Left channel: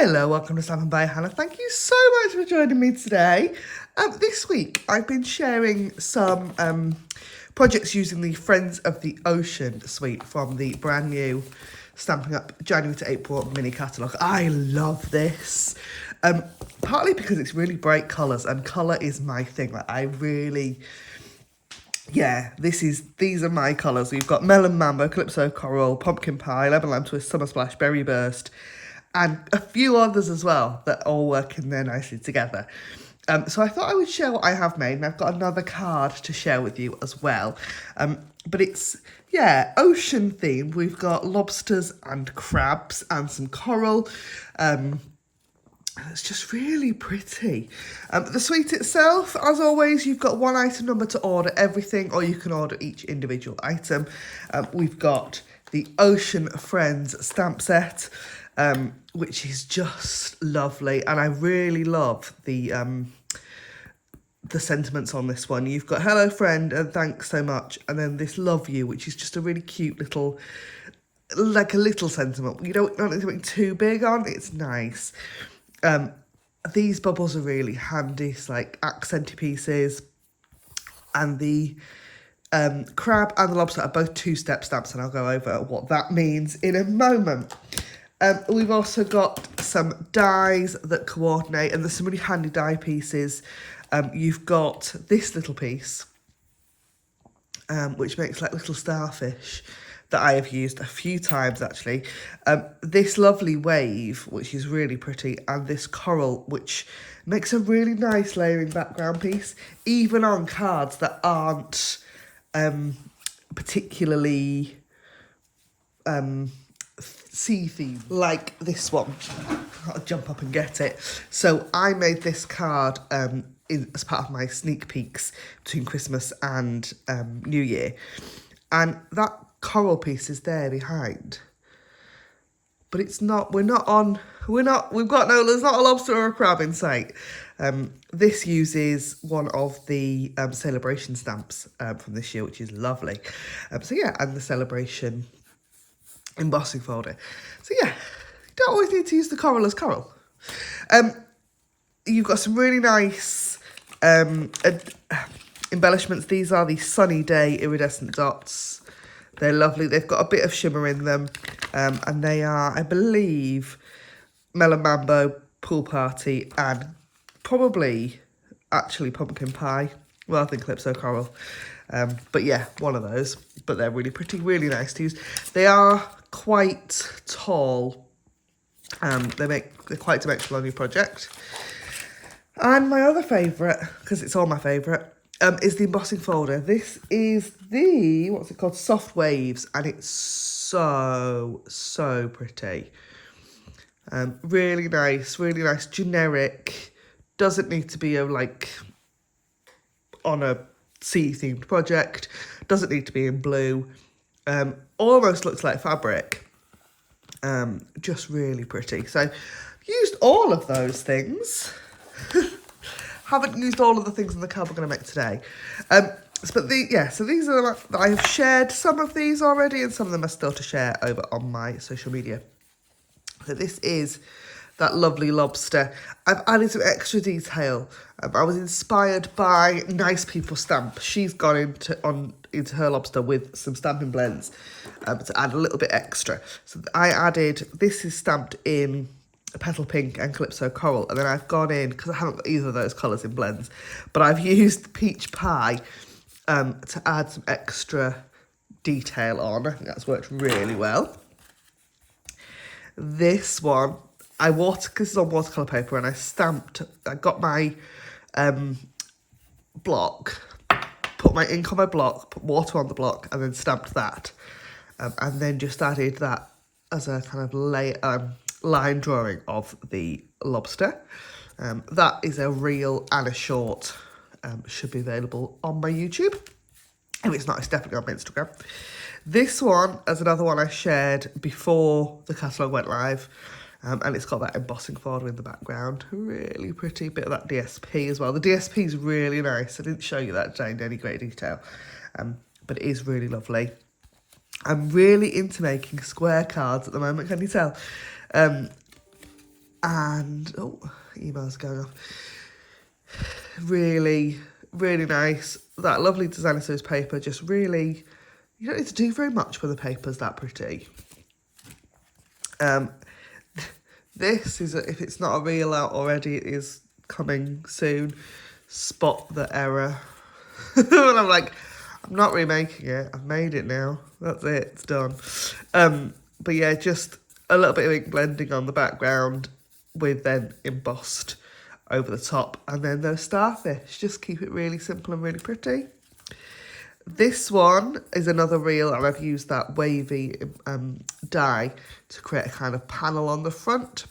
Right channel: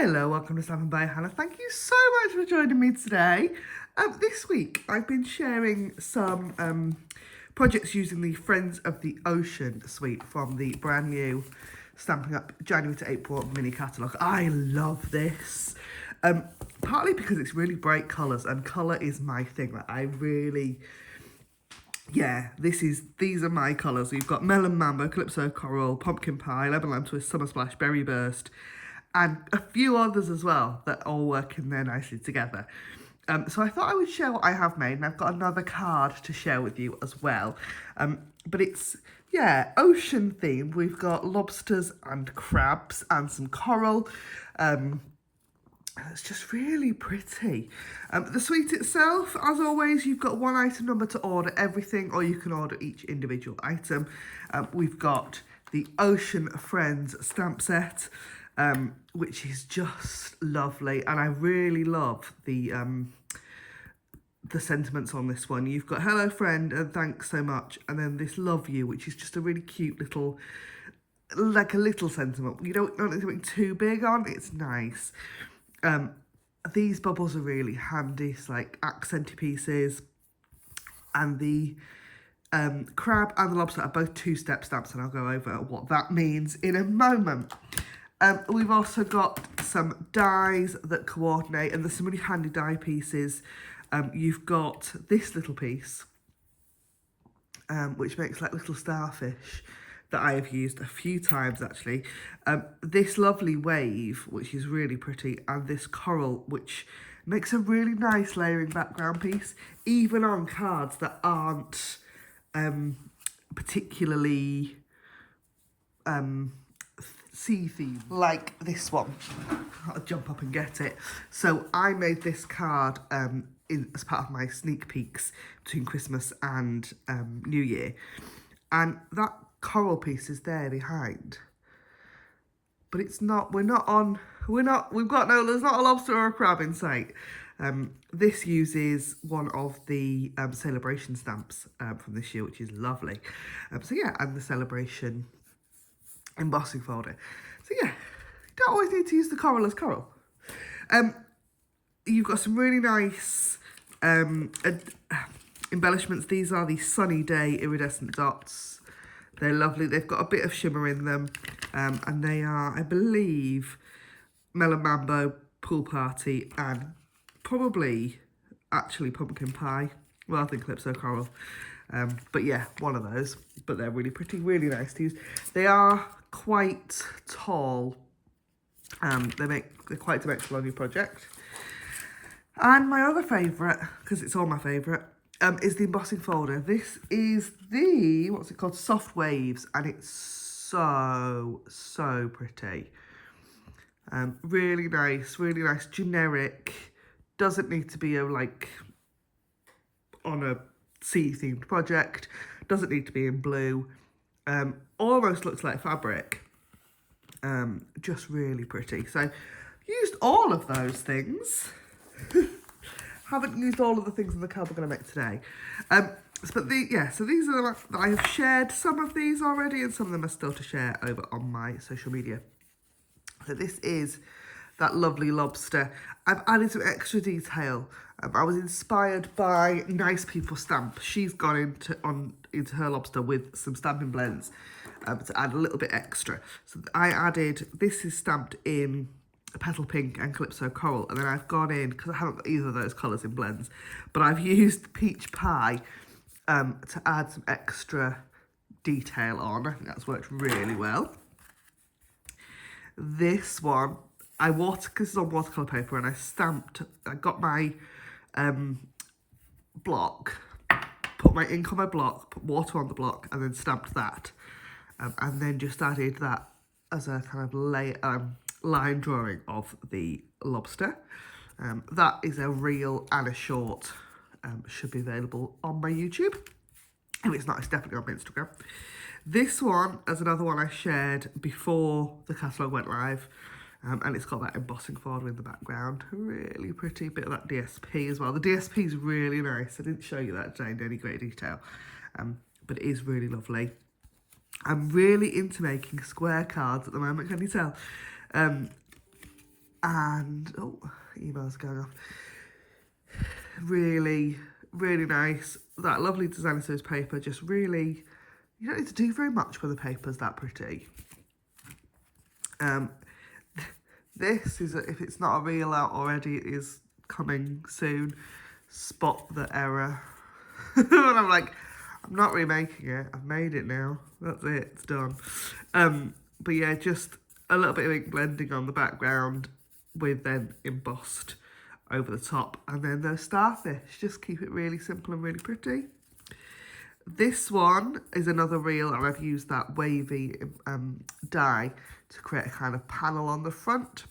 Hello, welcome to Stampin' by Hannah. Thank you so much for joining me today. This week I've been sharing some projects using the Friends of the Ocean suite from the brand new Stamping Up January to April mini catalogue. I love this, partly because it's really bright colours and colour is my thing. These are my colours. We've got Melon Mambo, Calypso Coral, Pumpkin Pie, Lemon Lime Twist, Summer Splash, Berry Burst, and a few others as well that all work in there nicely together. So I thought I would share what I have made, and I've got another card to share with you as well. But it's, ocean themed. We've got lobsters and crabs and some coral. It's just really pretty. The suite itself, as always, you've got one item number to order everything, or you can order each individual item. We've got the Ocean Friends stamp set, which is just lovely, and I really love the sentiments on this one. You've got hello friend and thanks so much, and then this love you, which is just a really cute little, like a little sentiment. You don't want anything too big on, it's nice. These bubbles are really handy, it's like accenty pieces, and the crab and the lobster are both two-step stamps, and I'll go over what that means in a moment. We've also got some dies that coordinate, and there's some really handy die pieces. You've got this little piece, which makes like little starfish that I have used a few times actually. This lovely wave, which is really pretty, and this coral, which makes a really nice layering background piece, even on cards that aren't particularly sea theme, like this one. I'll jump up and get it. So I made this card as part of my sneak peeks between Christmas and New Year, and that coral piece is there behind, but it's not, there's not a lobster or a crab in sight. This uses one of the celebration stamps from this year, which is lovely. And the celebration embossing folder. So you don't always need to use the coral as coral. You've got some really nice embellishments. These are the Sunny Day iridescent dots. They're lovely. They've got a bit of shimmer in them, and they are, I believe, Melon Mambo, Pool Party, and probably actually Pumpkin Pie rather than Calypso Coral. But yeah, one of those. But they're really pretty, really nice to use. They are quite tall. They're quite dimensional on your project. And my other favourite, because it's all my favourite, is the embossing folder. This is the, what's it called? Soft Waves, and it's so pretty. Really nice, generic. Doesn't need to be on a sea-themed project. Doesn't need to be in blue. Almost looks like fabric. Just really pretty. So, used all of those things. Haven't used all of the things in the card we're going to make today. So these are I have shared some of these already, and some of them are still to share over on my social media. So this is that lovely lobster. I've added some extra detail. I was inspired by Nice People Stamp. She's gone into her lobster with some stamping blends to add a little bit extra. So I added, this is stamped in Petal Pink and Calypso Coral, and then I've gone in, because I haven't got either of those colours in blends, but I've used Peach Pie to add some extra detail on. I think that's worked really well. This one, because it's on watercolour paper, and I got my block, put my ink on my block, put water on the block, and then stamped that, and then just added that as a kind of line drawing of the lobster. That is a reel and a short. Should be available on my YouTube. If it's not, it's definitely on my Instagram. This one is another one I shared before the catalogue went live, and it's got that embossing folder in the background. Really pretty, bit of that DSP as well. The DSP is really nice. I didn't show you that today in any great detail, but it is really lovely. I'm really into making square cards at the moment, can you tell? And, oh, emails going off. Really, really nice. That lovely designer series paper, just really, you don't need to do very much when the paper's that pretty. This is, if it's not a reel out already, it is coming soon. Spot the error. And I'm like, I'm not remaking it. I've made it now. That's it. It's done. But yeah, just a little bit of ink blending on the background with then embossed over the top. And then those starfish. Just keep it really simple and really pretty. This one is another reel, and I've used that wavy die to create a kind of panel on the front.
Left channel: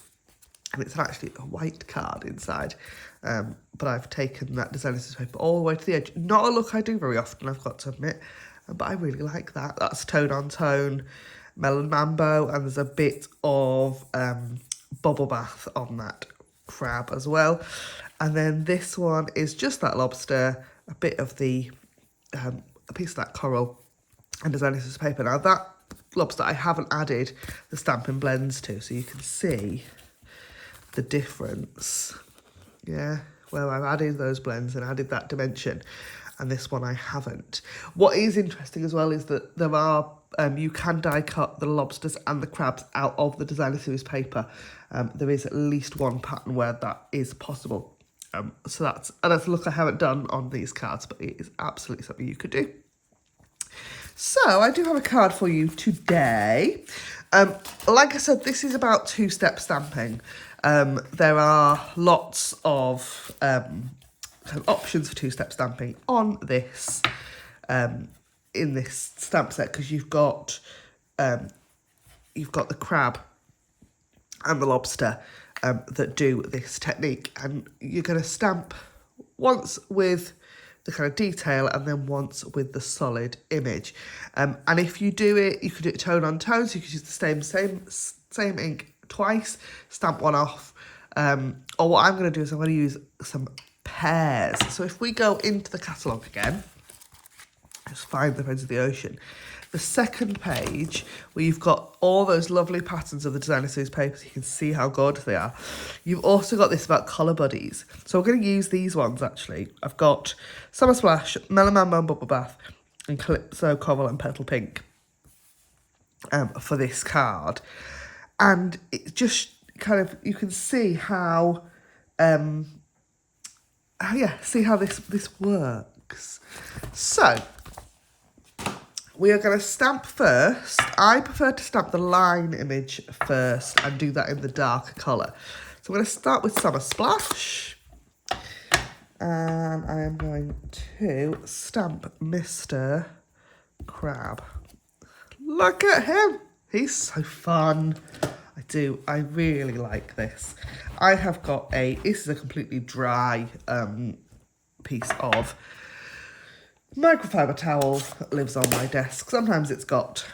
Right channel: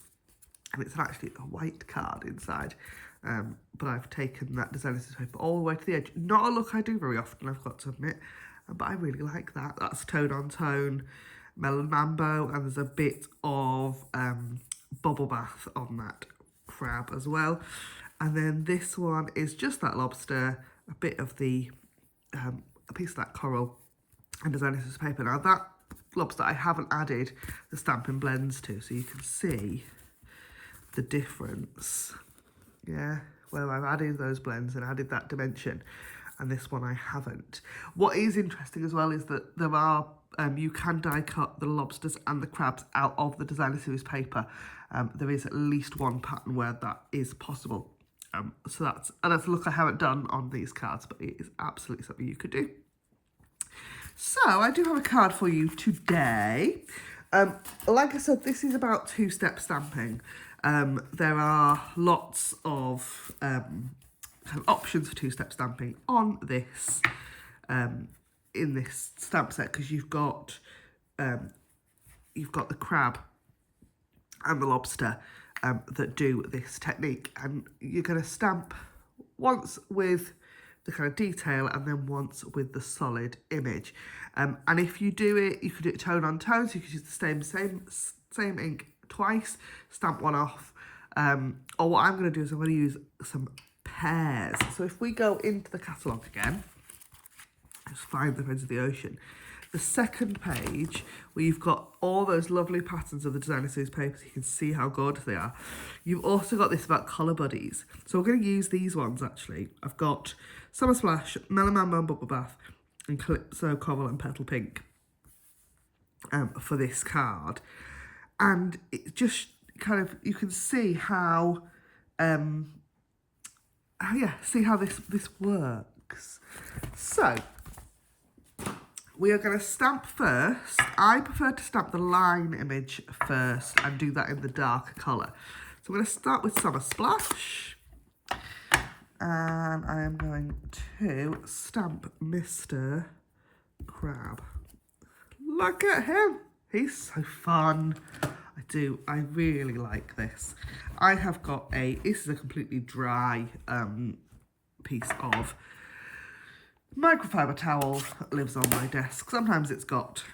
And it's actually a white card inside. But I've taken that designer series paper all the way to the edge. Not a look I do very often, I've got to admit. But I really like that. That's tone on tone, Melon Mambo, and there's a bit of bubble bath on that crab as well. And then this one is just that lobster, a bit of the, a piece of that coral and designer series paper. Now that lobster I haven't added the Stampin' blends to, so you can see the difference. Yeah, where I've added those blends and added that dimension, and this one I haven't. What is interesting as well is that there are, you can die cut the lobsters and the crabs out of the designer series paper. There is at least one pattern where that is possible. So that's a look I haven't done on these cards, but it is absolutely something you could do. So I do have a card for you today. Like I said, this is about two-step stamping. There are lots of options for two-step stamping on this, in this stamp set, because you've got the crab and the lobster that do this technique, and you're going to stamp once with the kind of detail and then once with the solid image. And if you do it, you could do it tone on tone, so you could use the same ink twice, stamp one off. Or what I'm going to do is I'm going to use some pairs. So if we go into the catalogue again, just find the Friends of the Ocean, the second page where you've got all those lovely patterns of the designer series papers, you can see how gorgeous they are. You've also got this about colour buddies. So we're going to use these ones actually. I've got Summer Splash, Melon Mambo and Bubble Bath, and Calypso, Coral and Petal Pink for this card. And it just kind of, you can see how, see how this works. So we are going to stamp first. I prefer to stamp the line image first and do that in the dark colour. So I'm going to start with Summer Splash. And I am going to stamp Mr. Crab. Look at him. He's so fun. I really like this. I have got this is a completely dry piece of microfiber towel that lives on my desk. Sometimes it's got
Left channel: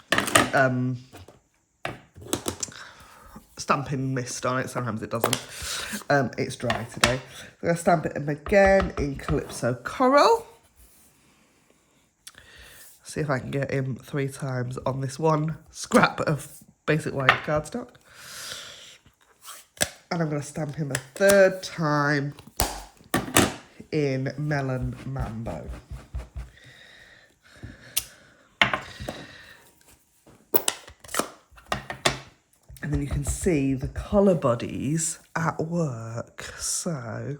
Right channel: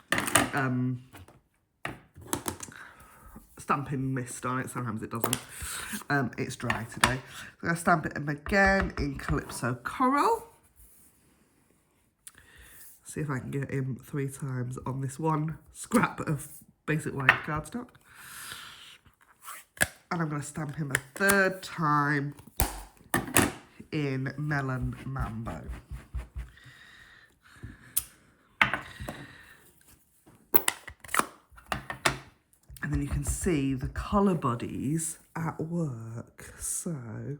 Stampin' mist on it, sometimes it doesn't. It's dry today. So I'm going to stamp it in again in Calypso Coral. See if I can get him 3 times on this one scrap of basic white cardstock. And I'm going to stamp him a 3rd time in Melon Mambo. And then you can see the colour bodies at work. So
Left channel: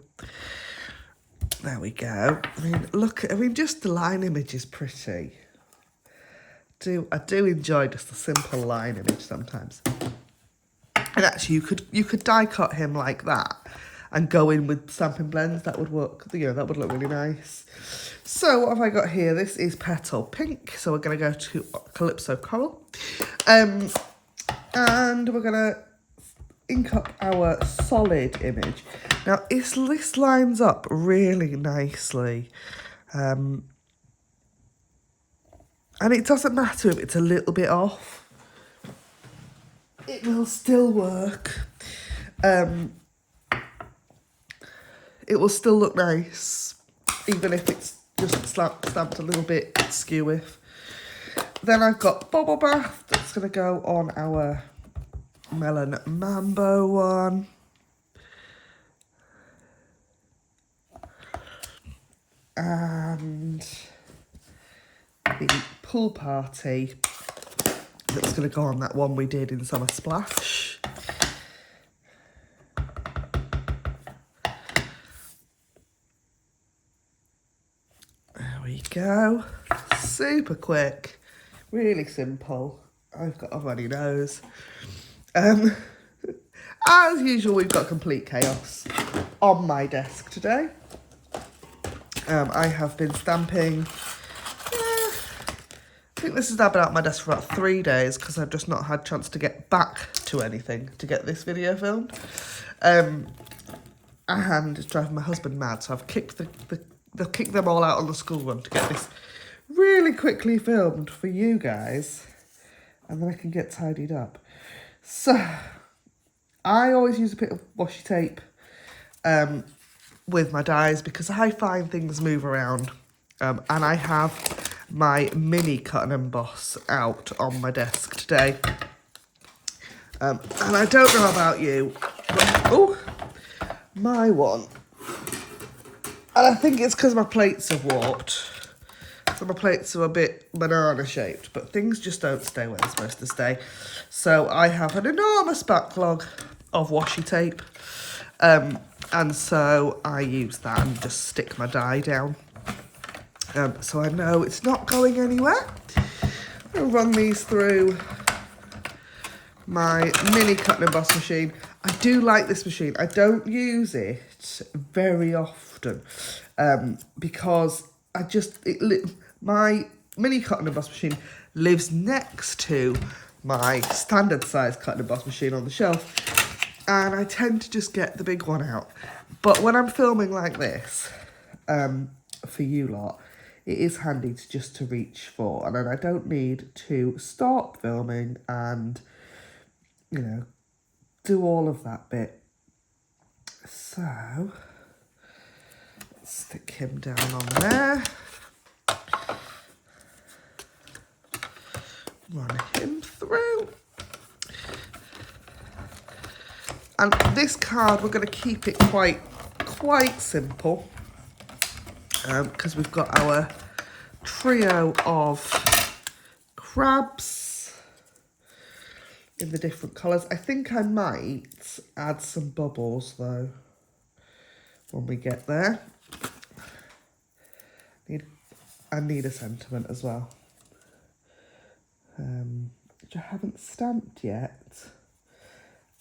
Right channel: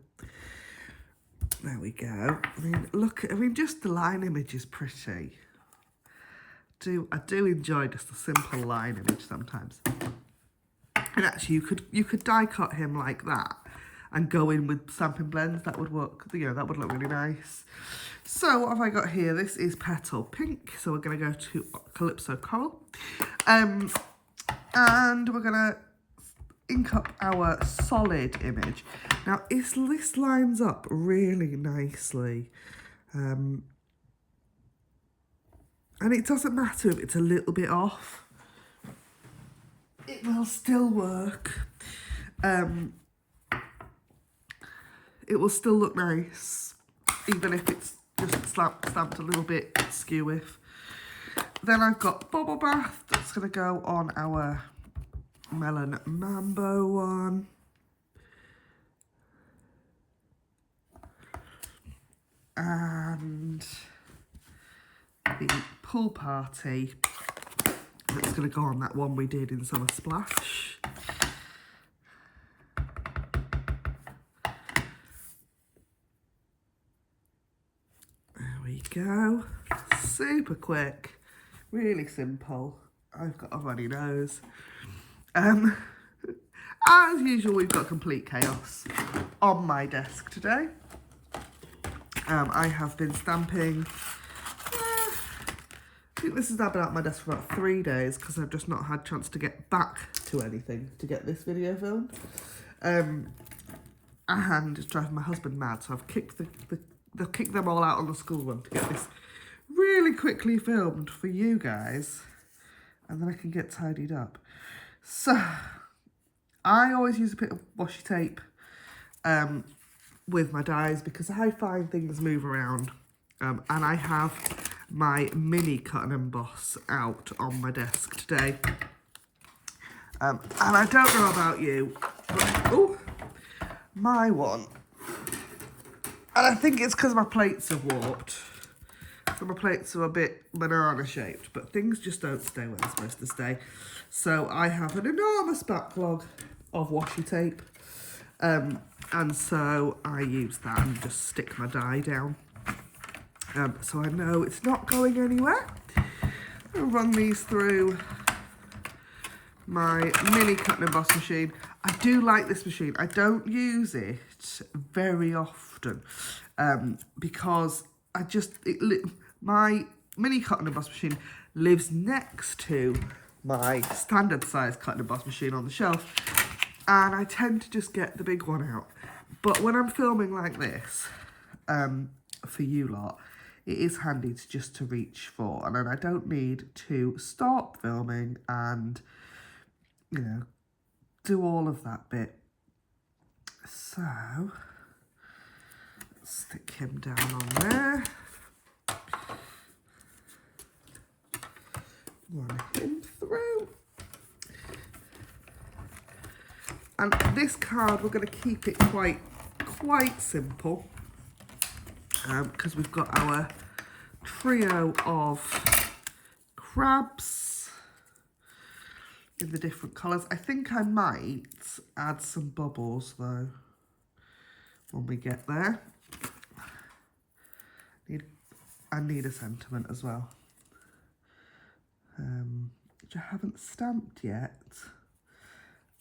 there we go. I mean, just the line image is pretty. I do enjoy just a simple line image sometimes. And actually, you could die cut him like that and go in with Stampin' blends. That would work. That would look really nice. So what have I got here? This is Petal Pink. So we're going to go to Calypso Coral. And we're going to ink up our solid image. Now, this lines up really nicely. And it doesn't matter if it's a little bit off. It will still work. It will still look nice, even if it's just stamped a little bit skew-if. Then I've got Bubble Bath that's going to go on our Melon Mambo one. and the pool party that's going to go on that one we did in Summer Splash. There we go. Super quick, really simple. I've got a runny nose. As usual, we've got complete chaos on my desk today. I have been stamping. I think this has now been out my desk for about 3 days because I've just not had a chance to get back to anything to get this video filmed. And it's driving my husband mad, so I've kicked kicked them all out on the school run to get this really quickly filmed for you guys, and then I can get tidied up. So I always use a bit of washi tape with my dies because I find things move around, and I have my mini cut and emboss out on my desk today, and I don't know about you, but my one, and I think it's because my plates have warped. So my plates are a bit banana shaped, but things just don't stay where they're supposed to stay. So I have an enormous backlog of washi tape. And so I use that and just stick my die down. So I know it's not going anywhere. I'll run these through my mini cut and emboss machine. I do like this machine. I don't use it very often because my mini cut and emboss machine lives next to my standard size cut and emboss machine on the shelf, and I tend to just get the big one out. But when I'm filming like this, for you lot, it is handy to reach for, and then I don't need to stop filming and, you know, do all of that bit. So let's stick him down on there. Run him through. And this card, we're going to keep it quite simple because we've got our trio of crabs in the different colours. I think I might add some bubbles though when we get there. I need a sentiment as well, which I haven't stamped yet.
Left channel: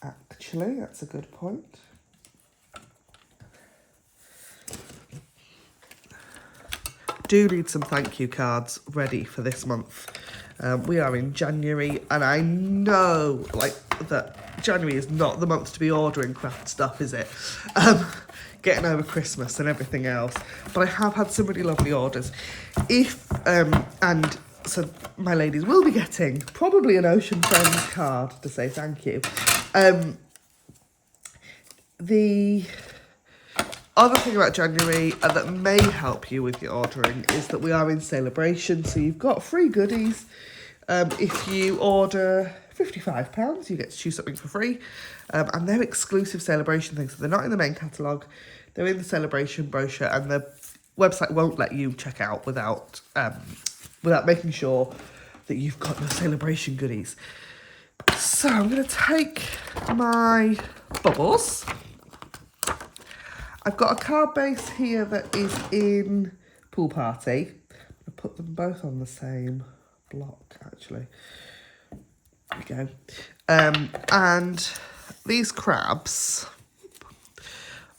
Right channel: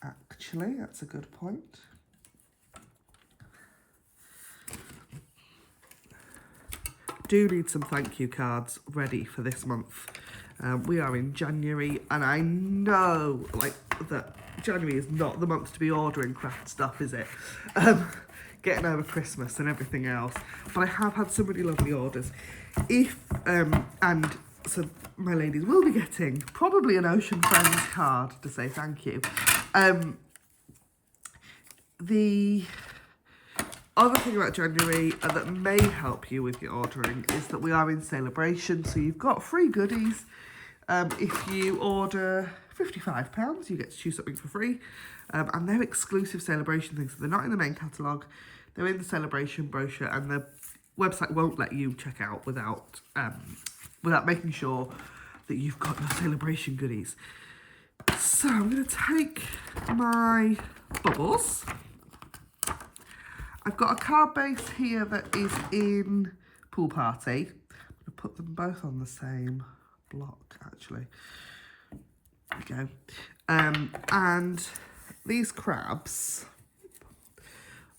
Actually, that's a good point. Do need some thank you cards ready for this month. We are in January, and I know that January is not the month to be ordering craft stuff, is it? Getting over Christmas and everything else. But I have had some really lovely orders. And so my ladies will be getting probably an Ocean Friends card to say thank you. The other thing about January that may help you with your ordering is that we are in celebration, so you've got free goodies. If you order £55, you get to choose something for free, and they're exclusive celebration things, so they're not in the main catalogue, they're in the celebration brochure, and the website won't let you check out without making sure that you've got your celebration goodies. So I'm going to take my bubbles. I've got a card base here that is in Pool Party. I'm going to put them both on the same block, actually. There we go. And these crabs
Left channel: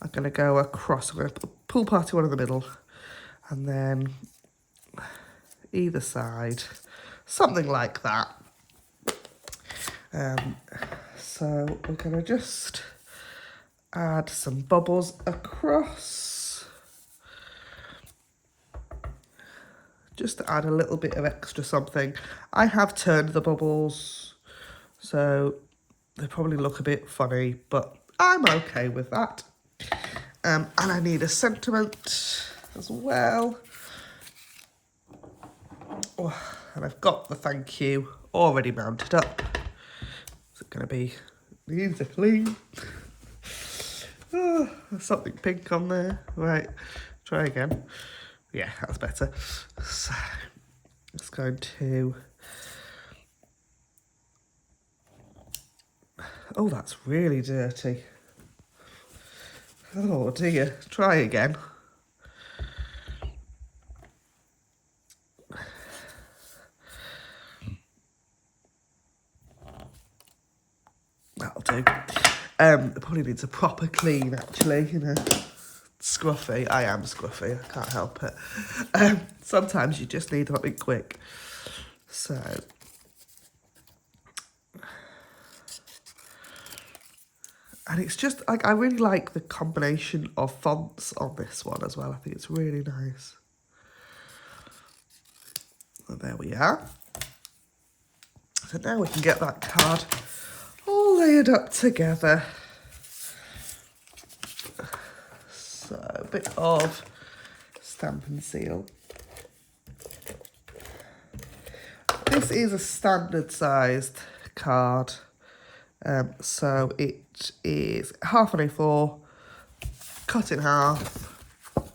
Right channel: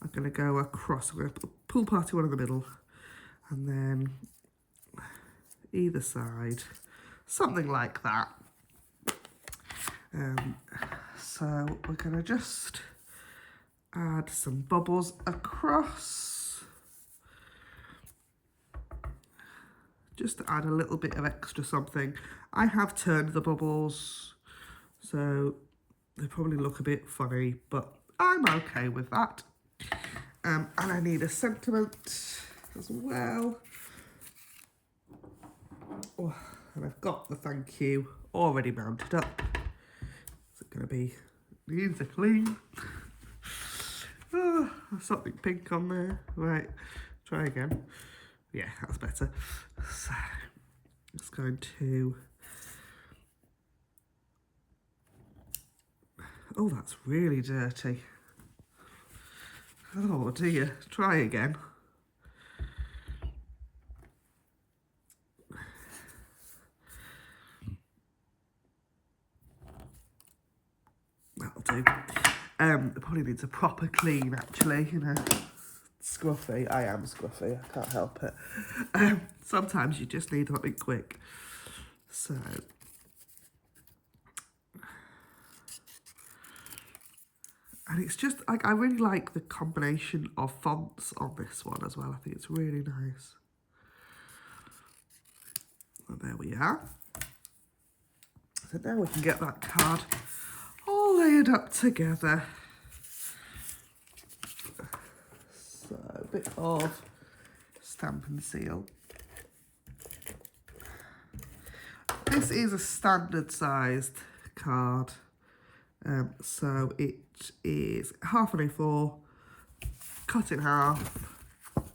are going to go across. I'm going to put the Pool Party one in the middle, and then either side, something like that. So we're going to just add some bubbles across, just to add a little bit of extra something. I have turned the bubbles, so they probably look a bit funny, but I'm okay with that. And I need a sentiment as well. Oh, and I've got the thank you already mounted up. Is it going to be needs a clean? Oh, there's something pink on there. Right, try again. Yeah, that's better. So it's going to... Oh, that's really dirty. Oh dear, try again. That'll do. It probably needs a proper clean, actually, you know. Scruffy. I am scruffy, I can't help it. Sometimes you just need something quick. So... And it's just, like, I really like the combination of fonts on this one as well. I think it's really nice. And there we are. So now we can get that card all layered up together. So a bit of Stampin' Seal. This is a standard sized card. So it is half an A4, cut in half,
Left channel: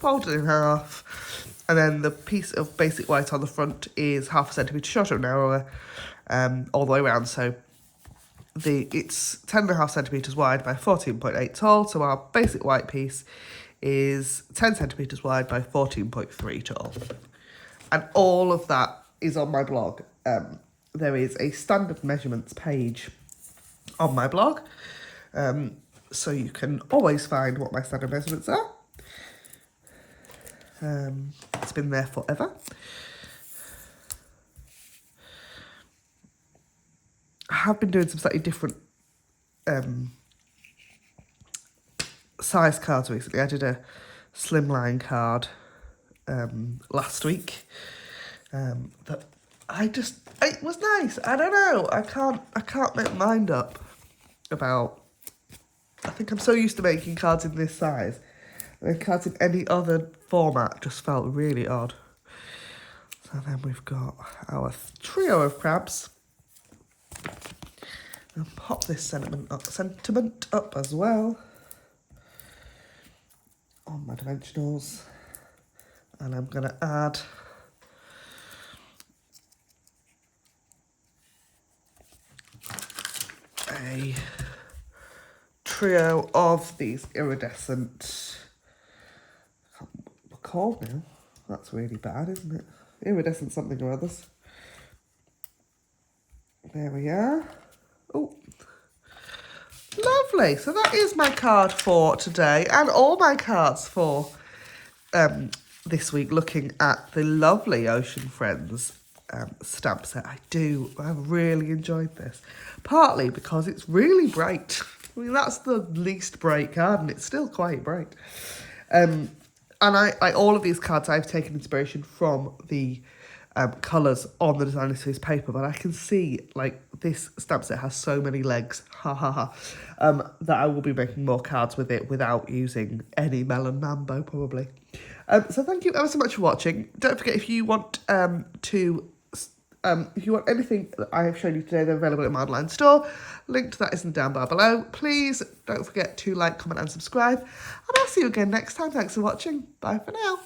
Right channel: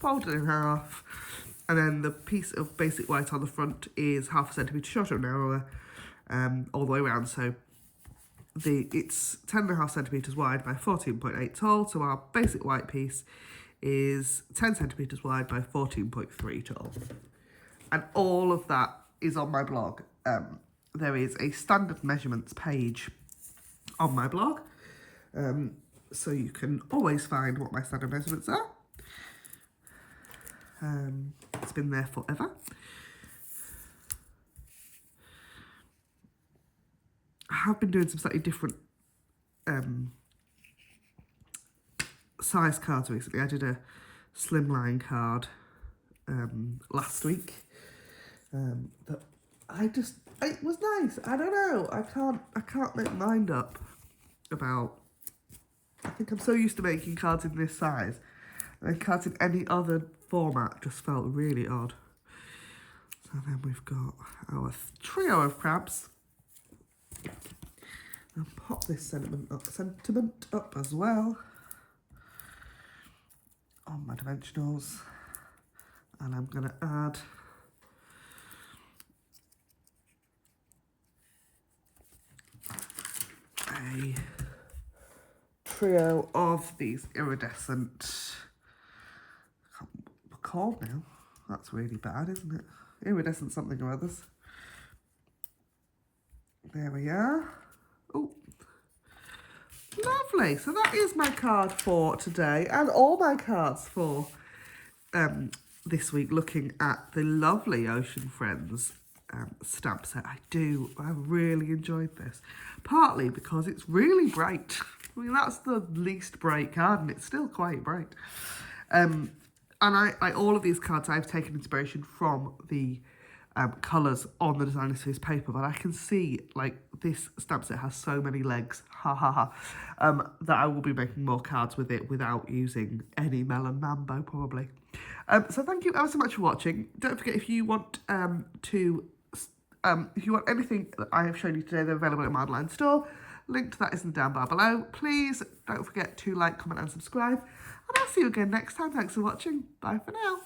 folded in half, and then the piece of basic white on the front is half a centimetre shorter and narrower, all the way around. So it's 10.5 centimetres wide by 14.8 tall. So our basic white piece is 10 centimetres wide by 14.3 tall. And all of that is on my blog. There is a standard measurements page on my blog, so you can always find what my standard measurements are. It's been there forever. I have been doing some slightly different size cards recently. I did a slimline card last week that it was nice. I don't know, I can't make my mind up about, I think I'm so used to making cards in this size. And cards in any other format just felt really odd. So then we've got our trio of crabs. I'll pop this sentiment up as well on my dimensionals. And I'm going to add a trio of these iridescent, I can't remember what they're called now. That's really bad, isn't it? Iridescent something or others. There we are. Oh, lovely. So that is my card for today, and all my cards for this week, looking at the lovely Ocean Friends stamp set. I really enjoyed this, partly because it's really bright. I mean, that's the least bright card, and it's still quite bright. And I all of these cards, I've taken inspiration from the colours on the designer series paper, but I can see, like, this stamp set has so many legs, that I will be making more cards with it without using any Melon Mambo, probably. So thank you ever so much for watching. Don't forget, if you want if you want anything that I have shown you today, they're available in my online store. Link to that is in the down bar below. Please don't forget to like, comment and subscribe. And I'll see you again next time. Thanks for watching. Bye for now.